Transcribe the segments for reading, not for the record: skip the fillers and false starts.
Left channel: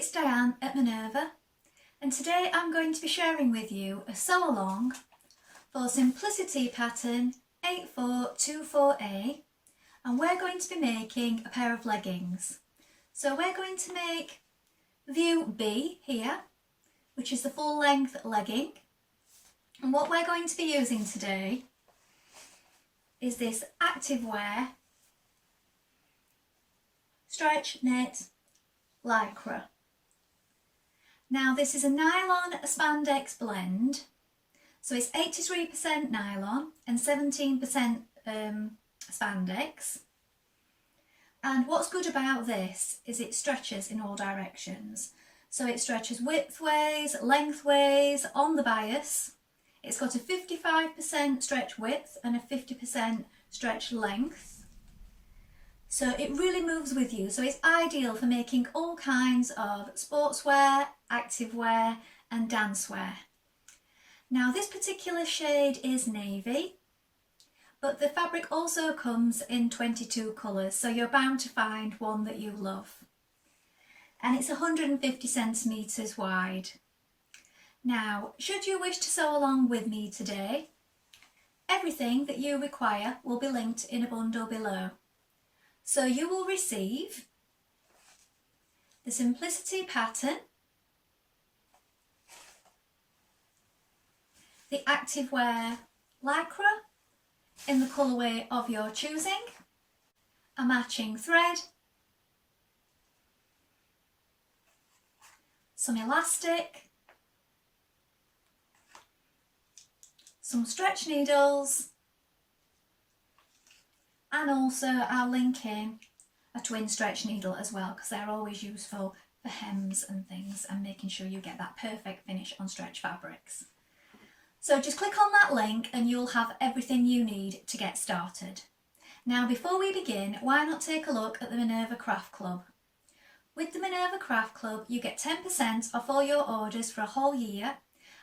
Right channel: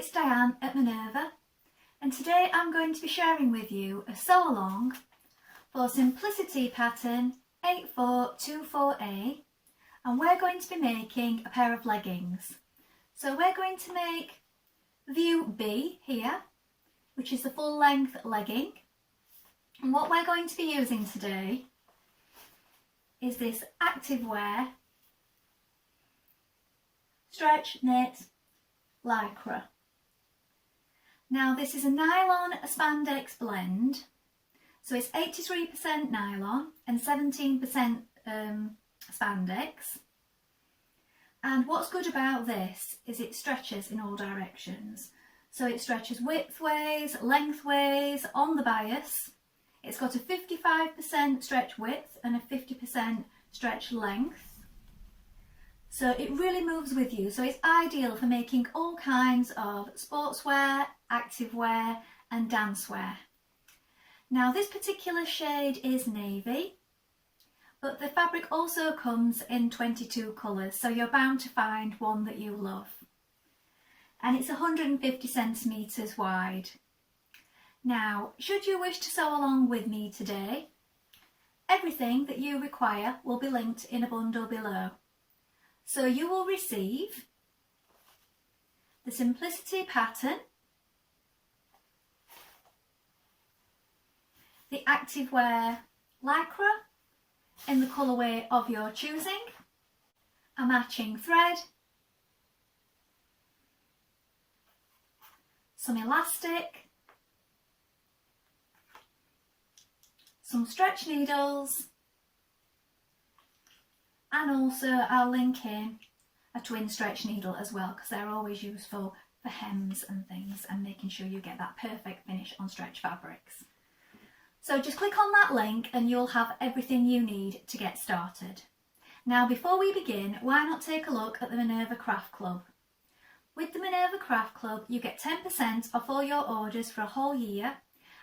it's Dianne at Minerva, and today I'm going to be sharing with you a sew along for Simplicity pattern 8424A, and we're going to be making a pair of leggings. So we're going to make view B here, which is the full length legging, and what we're going to be using today is this Activewear stretch knit lycra. Now this is a nylon spandex blend, so it's 83% nylon and 17% spandex. And what's good about this is it stretches in all directions. So it stretches widthways, lengthways, on the bias. It's got a 55% stretch width and a 50% stretch length. So it really moves with you. So it's ideal for making all kinds of sportswear, activewear and dancewear. Now this particular shade is navy, but the fabric also comes in 22 colours, so you're bound to find one that you love. And it's 150 centimetres wide. Now, should you wish to sew along with me today, everything that you require will be linked in a bundle below. So you will receive the Simplicity pattern, the Activewear lycra in the colourway of your choosing, a matching thread, some elastic, some stretch needles, and also I'll link in a twin stretch needle as well, because they're always useful for hems and things and making sure you get that perfect finish on stretch fabrics. So just click on that link and you'll have everything you need to get started. Now before we begin, why not take a look at the Minerva Craft Club? With the Minerva Craft Club you get 10% off all your orders for a whole year,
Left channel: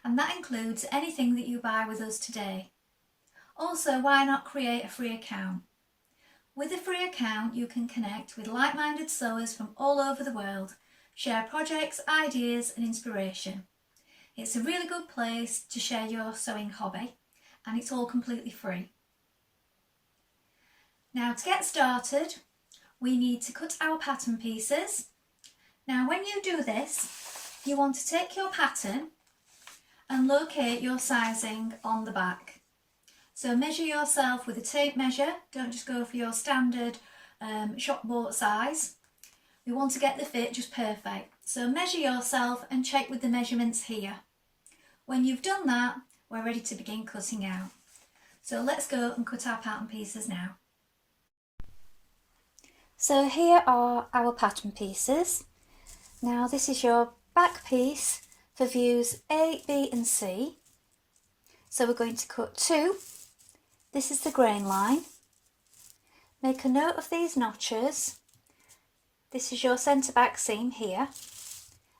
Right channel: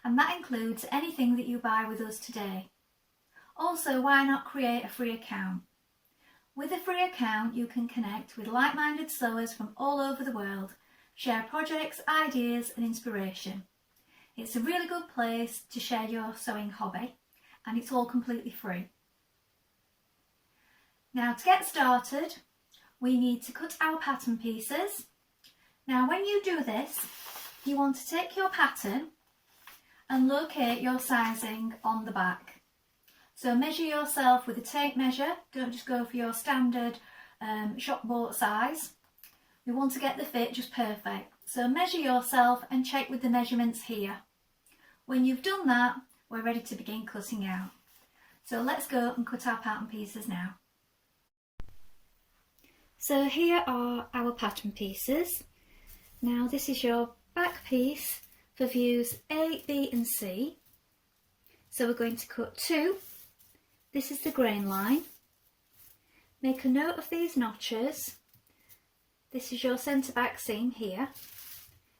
and that includes anything that you buy with us today. Also, why not create a free account? With a free account you can connect with like-minded sewers from all over the world, share projects, ideas and inspiration. It's a really good place to share your sewing hobby, and it's all completely free. Now to get started, we need to cut our pattern pieces. Now when you do this, you want to take your pattern and locate your sizing on the back. So measure yourself with a tape measure, don't just go for your standard shop bought size. We want to get the fit just perfect. So measure yourself and check with the measurements here. When you've done that, we're ready to begin cutting out. So let's go and cut our pattern pieces now. So here are our pattern pieces. Now this is your back piece for views A, B and C. So we're going to cut 2. This is the grain line. Make a note of these notches. This is your centre back seam here,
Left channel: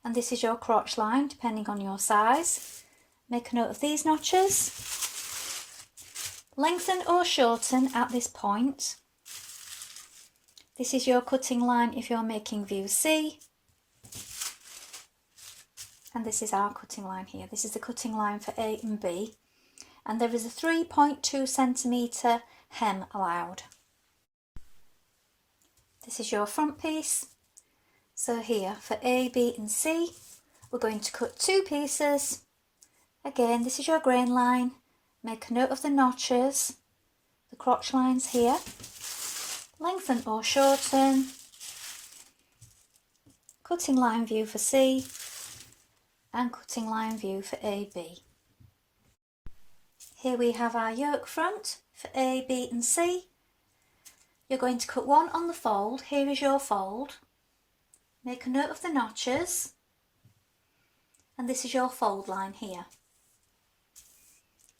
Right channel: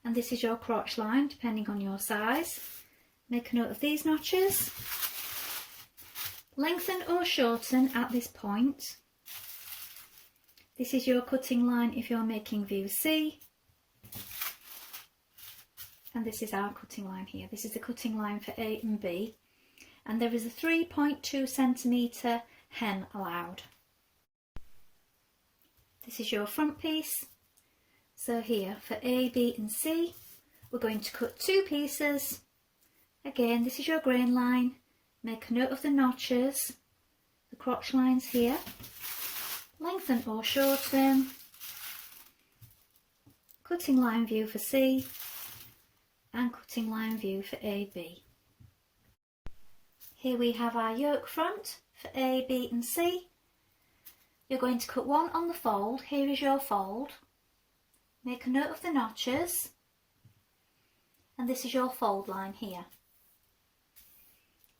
and this is your crotch line depending on your size. Make a note of these notches. Lengthen or shorten at this point. This is your cutting line if you're making view C, and this is our cutting line here. This is the cutting line for A and B. And there is a 3.2 centimetre hem allowed. This is your front piece. So here for A, B and C, we're going to cut 2 pieces. Again, this is your grain line. Make a note of the notches, the crotch lines here. Lengthen or shorten. Cutting line view for C and cutting line view for AB. Here we have our yoke front for A, B and C. You're going to cut 1 on the fold. Here is your fold. Make a note of the notches, and this is your fold line here.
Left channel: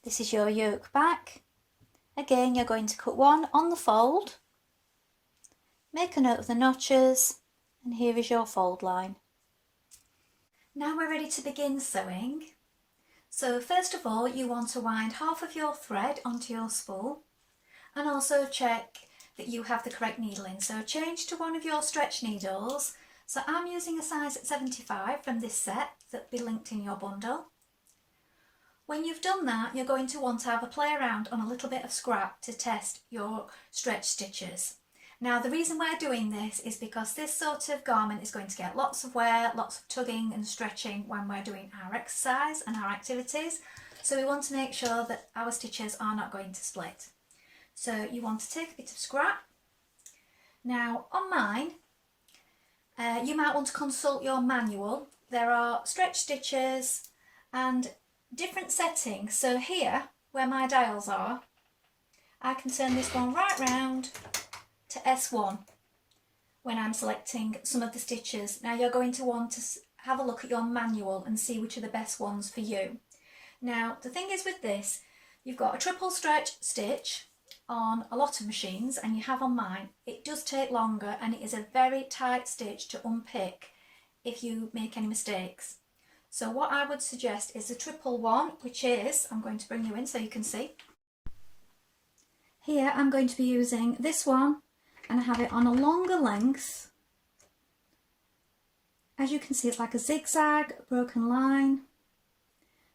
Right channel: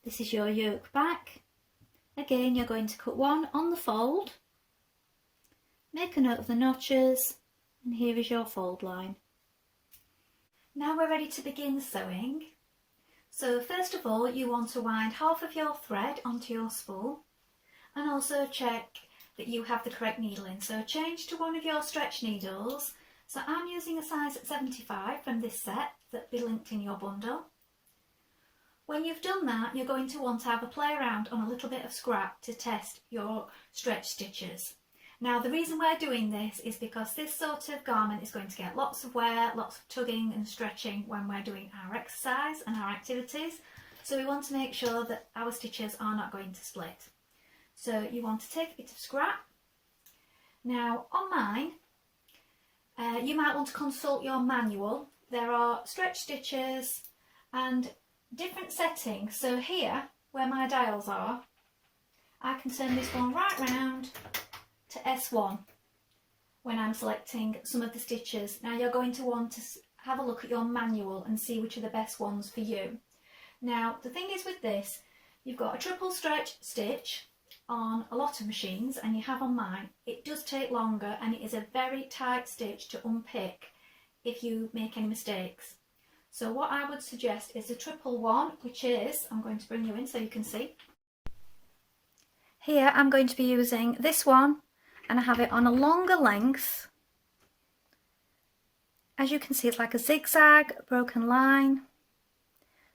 This is your yoke back. Again, you're going to cut 1 on the fold. Make a note of the notches, and here is your fold line. Now we're ready to begin sewing. So first of all, you want to wind half of your thread onto your spool, and also check that you have the correct needle in. So change to one of your stretch needles So I'm using a size 75 from this set that'll be linked in your bundle. When you've done that, you're going to want to have a play around on a little bit of scrap to test your stretch stitches. Now the reason we're doing this is because this sort of garment is going to get lots of wear, lots of tugging and stretching when we're doing our exercise and our activities. So we want to make sure that our stitches are not going to split. So you want to take a bit of scrap. Now on mine, you might want to consult your manual. There are stretch stitches and different settings. So here, where my dials are, I can turn this one right round to S1 when I'm selecting some of the stitches. Now you're going to want to have a look at your manual and see which are the best ones for you. Now the thing is with this, you've got a triple stretch stitch on a lot of machines, and you have on mine. It does take longer and it is a very tight stitch to unpick if you make any mistakes. So what I would suggest is the triple one, which is, I'm going to bring you in so you can see. Here I'm going to be using this one, and I have it on a longer length. As you can see, it's like a zigzag, broken line.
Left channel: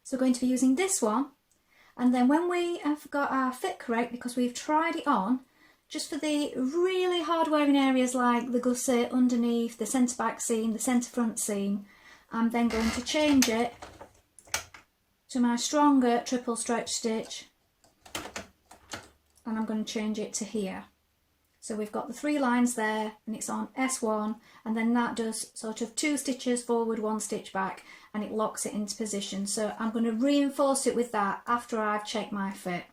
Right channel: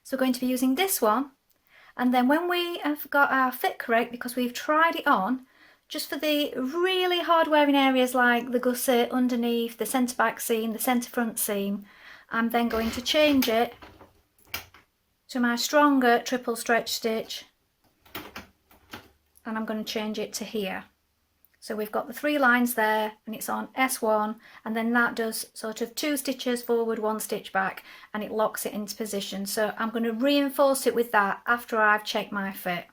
So we're going to be using this one. And then when we have got our fit correct, because we've tried it on, just for the really hard wearing areas like the gusset underneath, the centre back seam, the centre front seam, I'm then going to change it to my stronger triple stretch stitch, and I'm going to change it to here. So we've got the 3 lines there and it's on S1, and then that does sort of 2 stitches forward, 1 stitch back, and it locks it into position. So I'm going to reinforce it with that after I've checked my fit.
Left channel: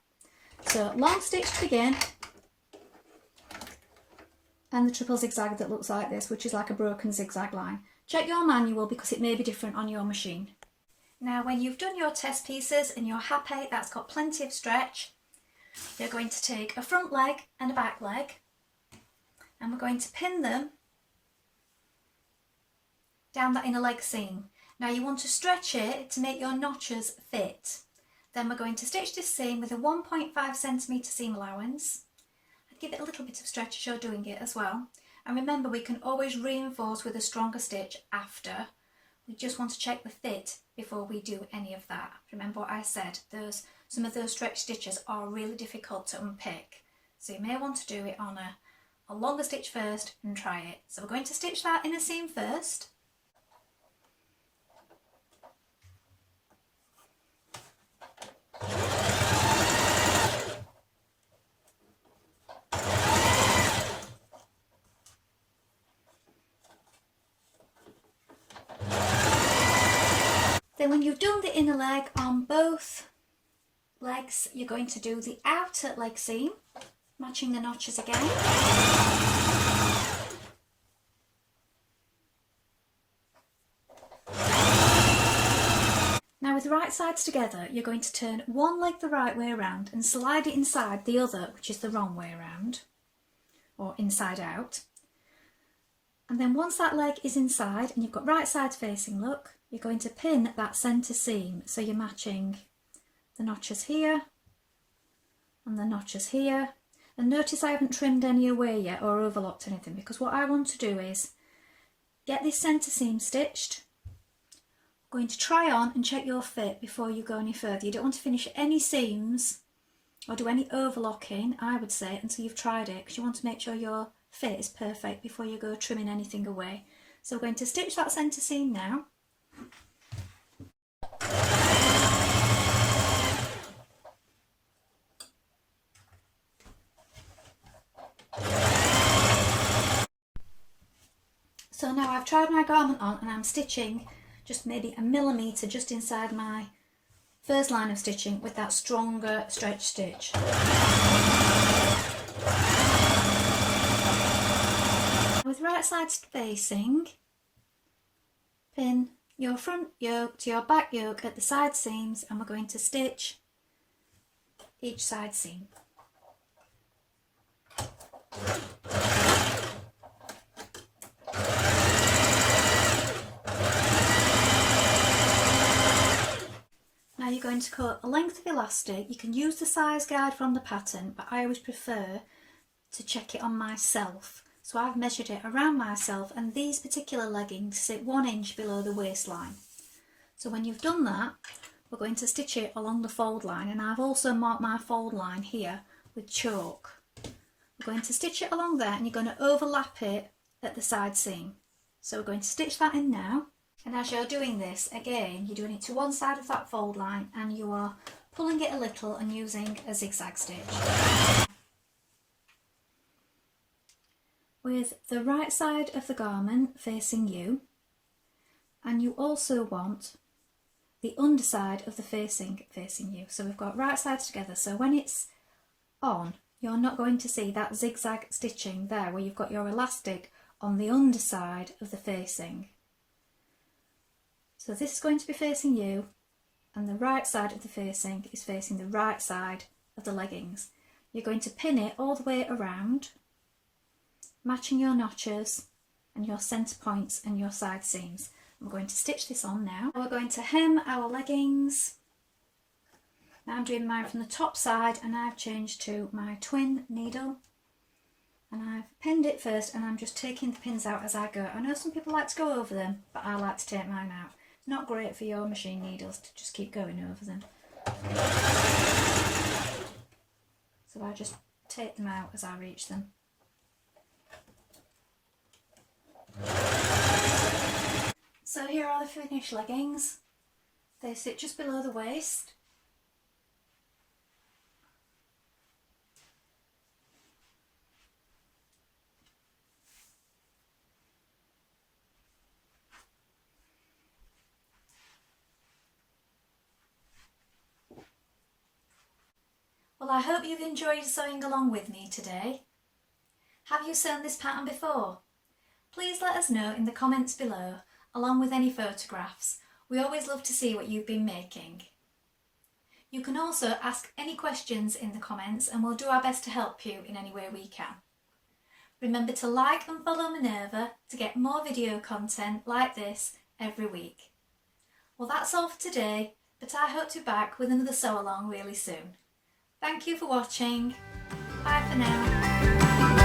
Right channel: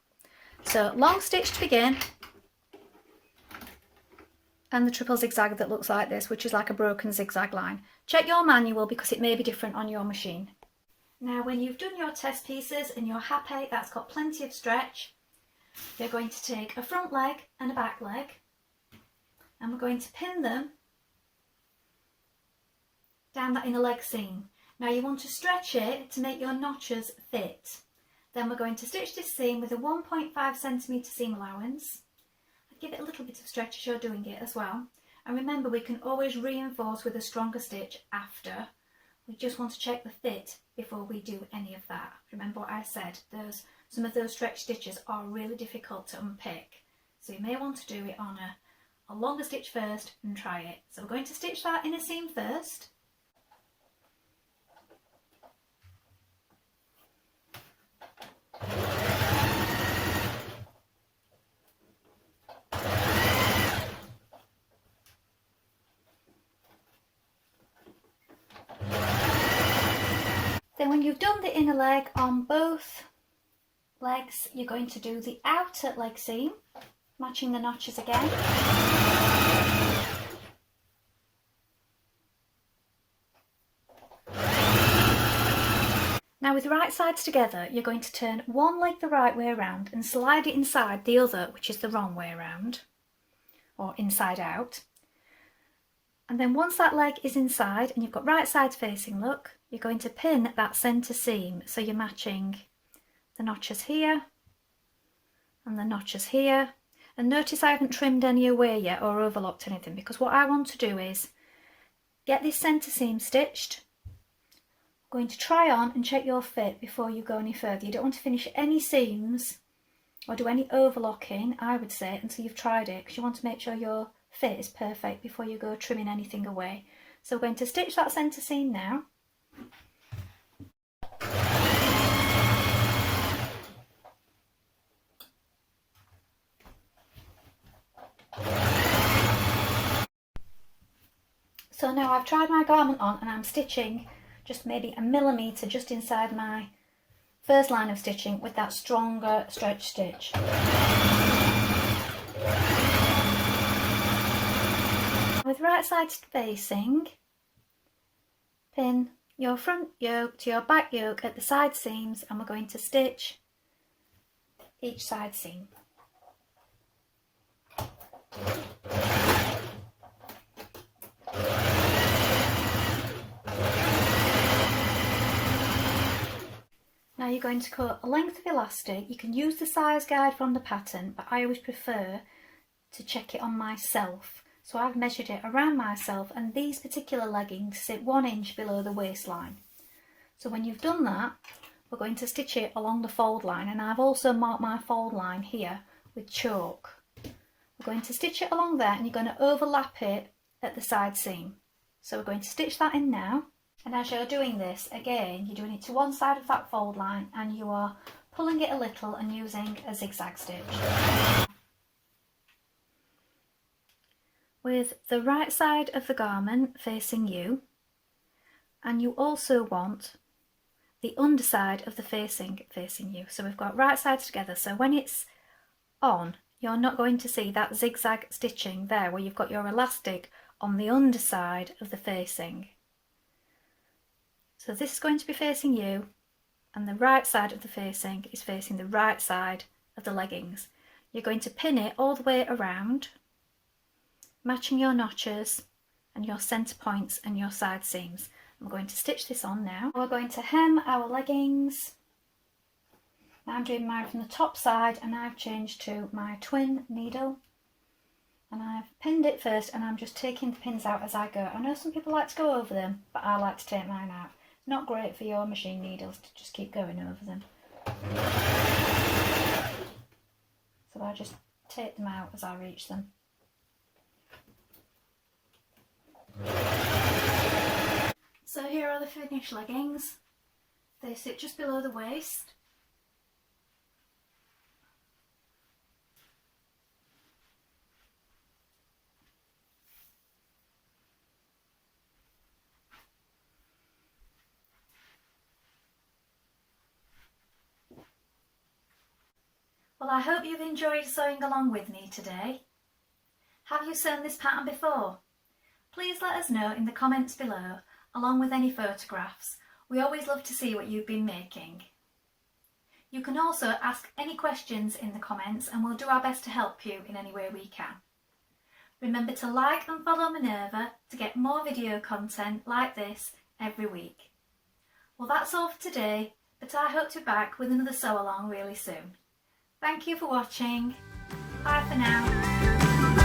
So long stitch to begin, and the triple zigzag that looks like this, which is like a broken zigzag line. Check your manual because it may be different on your machine. Now when you've done your test pieces and you're happy that's got plenty of stretch, you're going to take a front leg and a back leg, and we're going to pin them down that inner leg seam. Now you want to stretch it to make your notches fit. Then we're going to stitch this seam with a 1.5 centimetre seam allowance. And give it a little bit of stretch as you're doing it as well. And remember, we can always reinforce with a stronger stitch after. We just want to check the fit before we do any of that. Remember what I said, some of those stretch stitches are really difficult to unpick. So you may want to do it on a longer stitch first and try it. So we're going to stitch that inner seam first. Then when you've done the inner leg on both legs, you're going to do the outer leg seam, matching the notches again. Now with the right sides together, you're going to turn one leg the right way around and slide it inside the other, which is the wrong way around, or inside out. And then once that leg is inside and you've got right sides facing, look, you're going to pin that centre seam. So you're matching the notches here and the notches here. And notice I haven't trimmed any away yet or overlocked anything, because what I want to do is get this centre seam stitched. I'm going to try on and check your fit before you go any further. You don't want to finish any seams or do any overlocking, I would say, until you've tried it, because you want to make sure your fit is perfect before you go trimming anything away. So we're going to stitch that centre seam now. So now I've tried my garment on and I'm stitching just maybe a millimetre just inside my first line of stitching with that stronger stretch stitch. With right side facing, pin your front yoke to your back yoke at the side seams, and we're going to stitch each side seam. Now you're going to cut a length of elastic. You can use the size guide from the pattern, but I always prefer to check it on myself. So I've measured it around myself, and these particular leggings sit 1 inch below the waistline. So when you've done that, we're going to stitch it along the fold line, and I've also marked my fold line here with chalk. We're going to stitch it along there, and you're going to overlap it at the side seam. So we're going to stitch that in now, and as you're doing this, again, you're doing it to one side of that fold line, and you are pulling it a little and using a zigzag stitch. With the right side of the garment facing you, and you also want the underside of the facing you. So we've got right sides together, so when it's on, you're not going to see that zigzag stitching there where you've got your elastic on the underside of the facing. So this is going to be facing you, and the right side of the facing is facing the right side of the leggings. You're going to pin it all the way around, matching your notches and your centre points and your side seams. I'm going to stitch this on now. We're going to hem our leggings. Now I'm doing mine from the top side, and I've changed to my twin needle, and I've pinned it first, and I'm just taking the pins out as I go. I know some people like to go over them, but I like to take mine out. It's not great for your machine needles to just keep going over them. So I just take them out as I reach them. So here are the finished leggings. They sit just below the waist. Well, I hope you've enjoyed sewing along with me today. Have you sewn this pattern before? Please let us know in the comments below, along with any photographs. We always love to see what you've been making. You can also ask any questions in the comments, and we'll do our best to help you in any way we can. Remember to like and follow Minerva to get more video content like this every week. Well, that's all for today, but I hope to be back with another sew along really soon. Thank you for watching. Bye for now.